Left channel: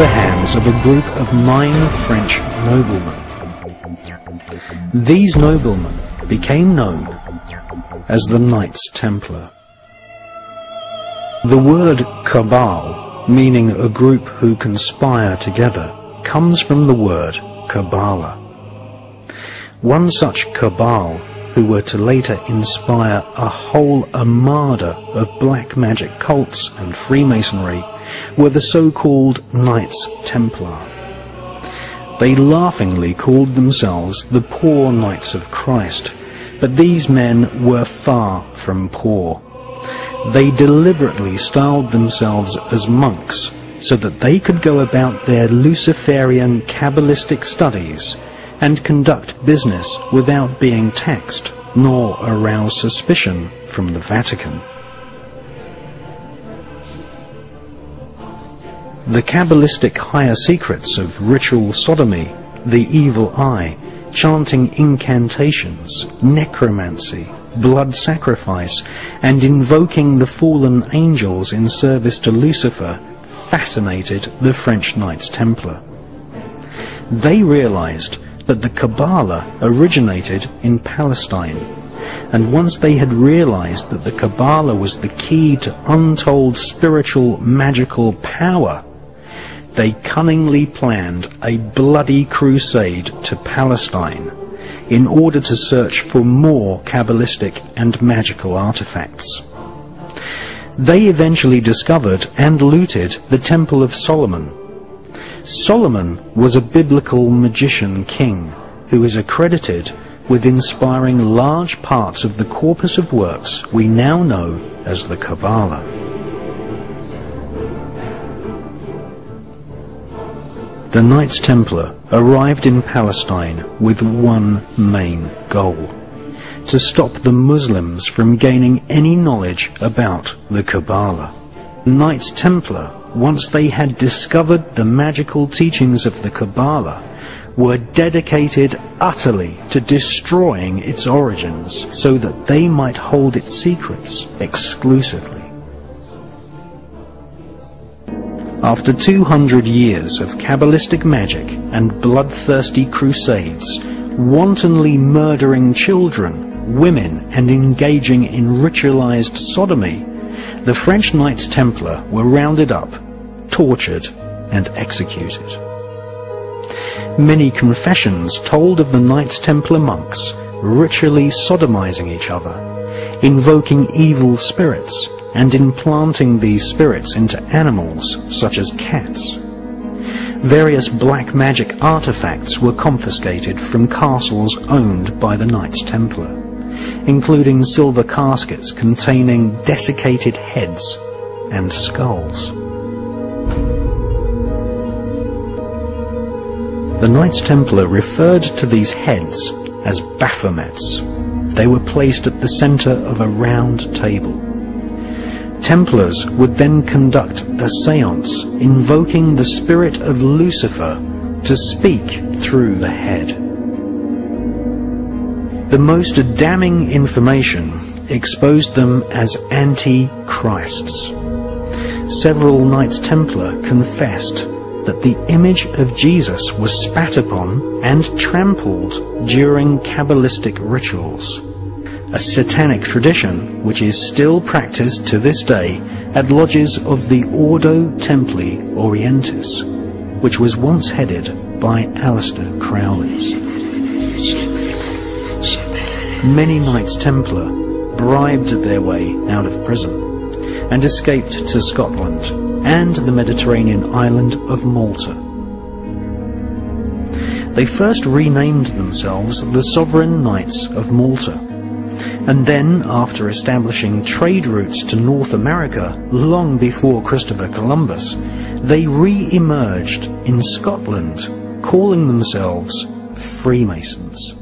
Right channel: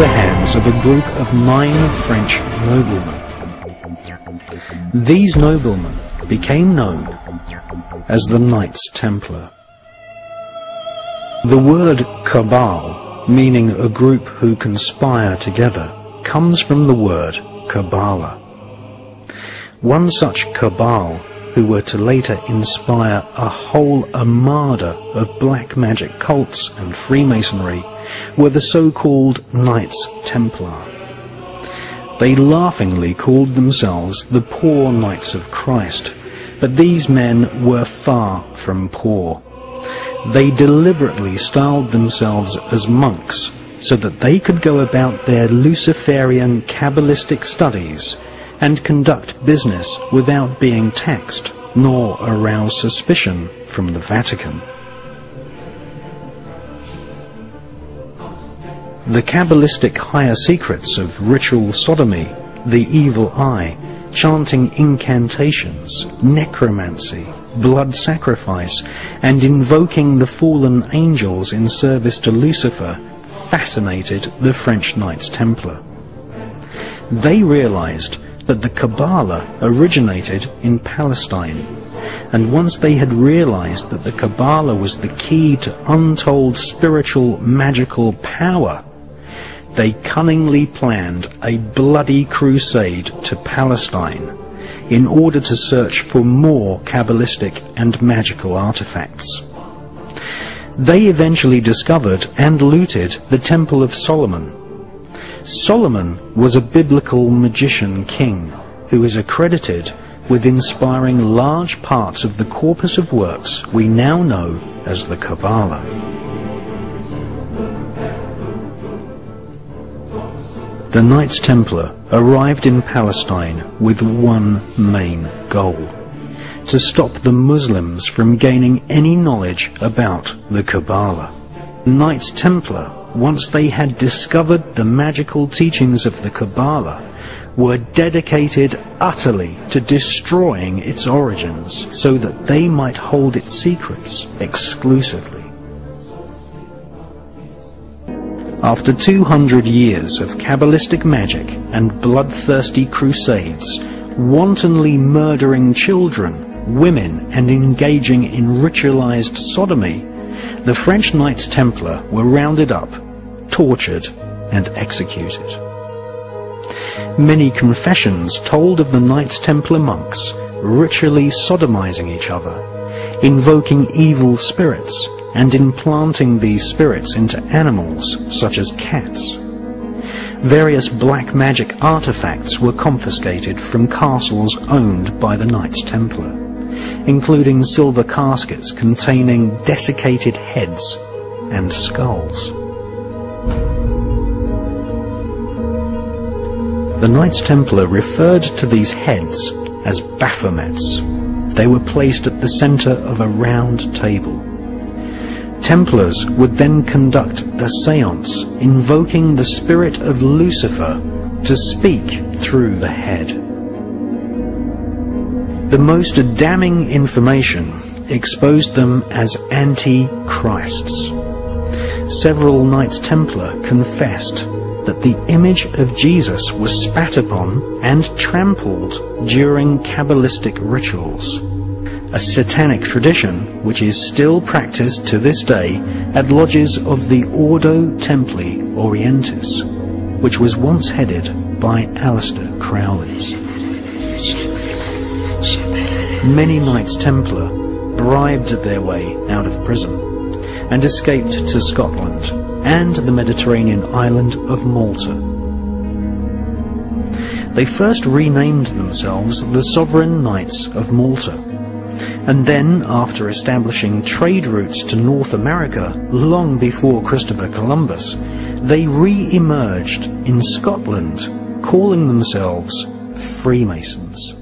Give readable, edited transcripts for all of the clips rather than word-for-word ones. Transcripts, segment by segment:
the hands of a group of 9 French noblemen. These noblemen became known as the Knights Templar. The word cabal, meaning a group who conspire together, comes from the word Kabbalah. One such cabal, who were to later inspire a whole armada of black magic cults and Freemasonry, were the so-called Knights Templar. They laughingly called themselves the Poor Knights of Christ, but these men were far from poor. They deliberately styled themselves as monks so that they could go about their Luciferian Kabbalistic studies and conduct business without being taxed nor arouse suspicion from the Vatican. The Kabbalistic higher secrets of ritual sodomy, the evil eye, chanting incantations, necromancy, blood sacrifice, and invoking the fallen angels in service to Lucifer fascinated the French Knights Templar. They realized that the Kabbalah originated in Palestine, and once they had realized that the Kabbalah was the key to untold spiritual magical power, they cunningly planned a bloody crusade to Palestine in order to search for more Kabbalistic and magical artifacts. They eventually discovered and looted the Temple of Solomon. Solomon was a biblical magician king who is accredited with inspiring large parts of the corpus of works we now know as the Kabbalah. The Knights Templar arrived in Palestine with one main goal: to stop the Muslims from gaining any knowledge about the Kabbalah. Knights Templar, once they had discovered the magical teachings of the Kabbalah, were dedicated utterly to destroying its origins so that they might hold its secrets exclusively. After 200 years of Kabbalistic magic and bloodthirsty crusades, wantonly murdering children, women, and engaging in ritualized sodomy, the French Knights Templar were rounded up, tortured, and executed. Many confessions told of the Knights Templar monks ritually sodomizing each other, invoking evil spirits, and implanting these spirits into animals such as cats. Various black magic artifacts were confiscated from castles owned by the Knights Templar, including silver caskets containing desiccated heads and skulls. The Knights Templar referred to these heads as Baphomets. They were placed at the center of a round table. Templars would then conduct a séance, invoking the spirit of Lucifer to speak through the head. The most damning information exposed them as anti-Christs. Several Knights Templar confessed that the image of Jesus was spat upon and trampled during Kabbalistic rituals, a satanic tradition which is still practiced to this day at lodges of the Ordo Templi Orientis, which was once headed by Aleister Crowley. Many Knights Templar bribed their way out of prison and escaped to Scotland and the Mediterranean island of Malta. They first renamed themselves the Sovereign Knights of Malta, and then, after establishing trade routes to North America long before Christopher Columbus, they re-emerged in Scotland, calling themselves Freemasons.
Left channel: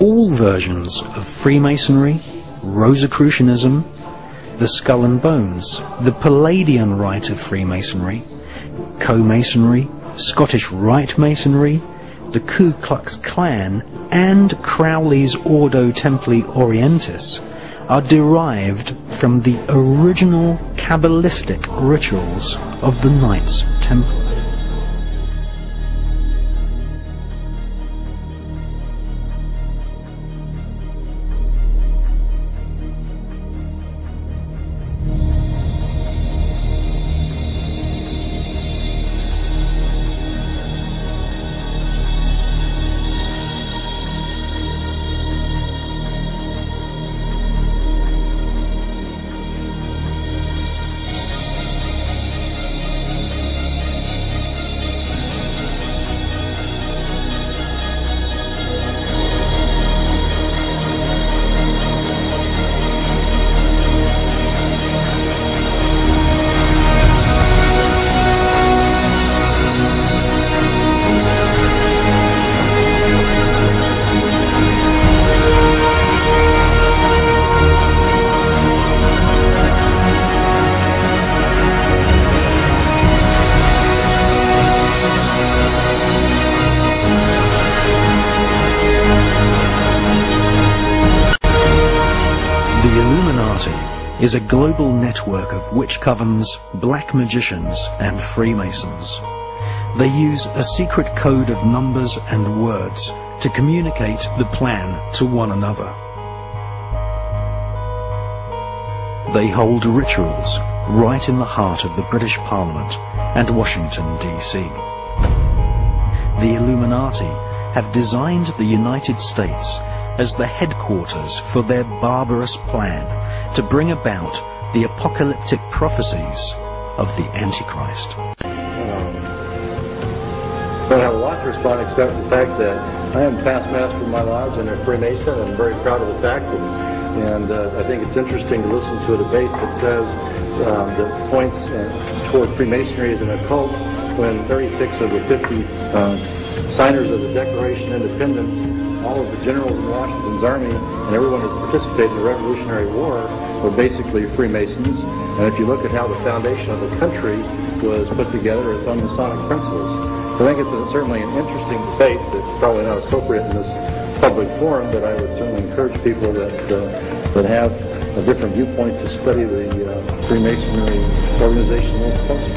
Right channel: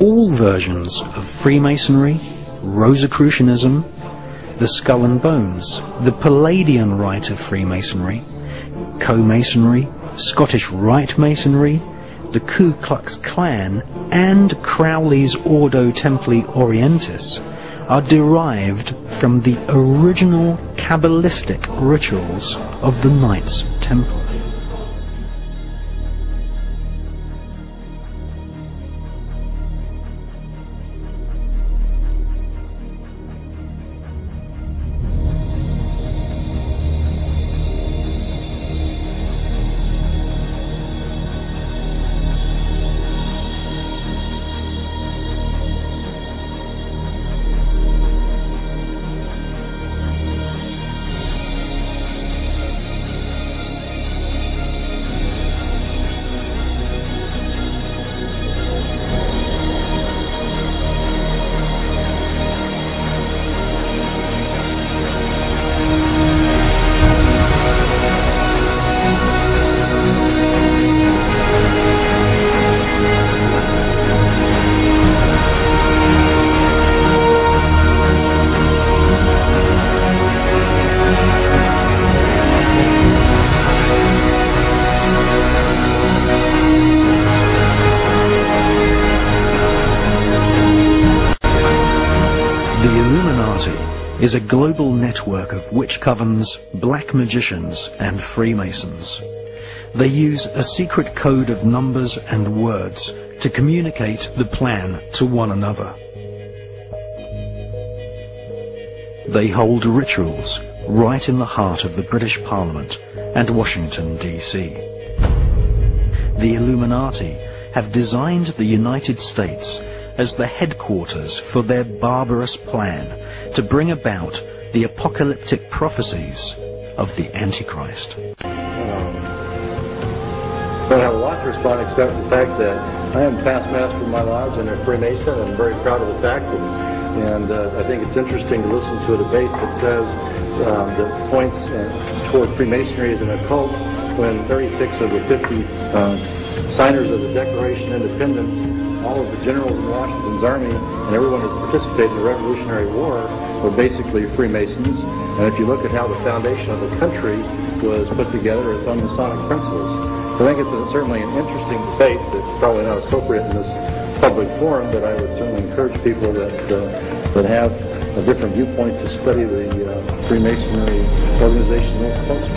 All versions of Freemasonry, Rosicrucianism, the Skull and Bones, the Palladian Rite of Freemasonry, Co-Masonry, Scottish Rite Masonry, the Ku Klux Klan, and Crowley's Ordo Templi Orientis are derived from the original Kabbalistic rituals of the Knights Templar. The Illuminati is a global network of witch covens, black magicians, and Freemasons. They use a secret code of numbers and words to communicate the plan to one another. They hold rituals right in the heart of the British Parliament and Washington, D.C. The Illuminati have designed the United States as the headquarters for their barbarous plan to bring about the apocalyptic prophecies of the Antichrist. I don't have a lot to respond except the fact that I am past master of my lodge and a Freemason. I'm very proud of the fact, and I think it's interesting to listen to a debate that says that points toward Freemasonry as an occult when 36 of the 50 signers of the Declaration of Independence, all of the generals in Washington's army, and everyone who participated in the Revolutionary War were basically Freemasons. And if you look at how the foundation of the country was put together, it's on Masonic principles. I think it's certainly an interesting debate that's probably not appropriate in this public forum, but I would certainly encourage people that have a different viewpoint to study the Freemasonry organization a little closer.